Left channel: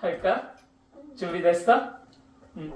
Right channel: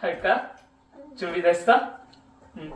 할까? 준비됐어? 응.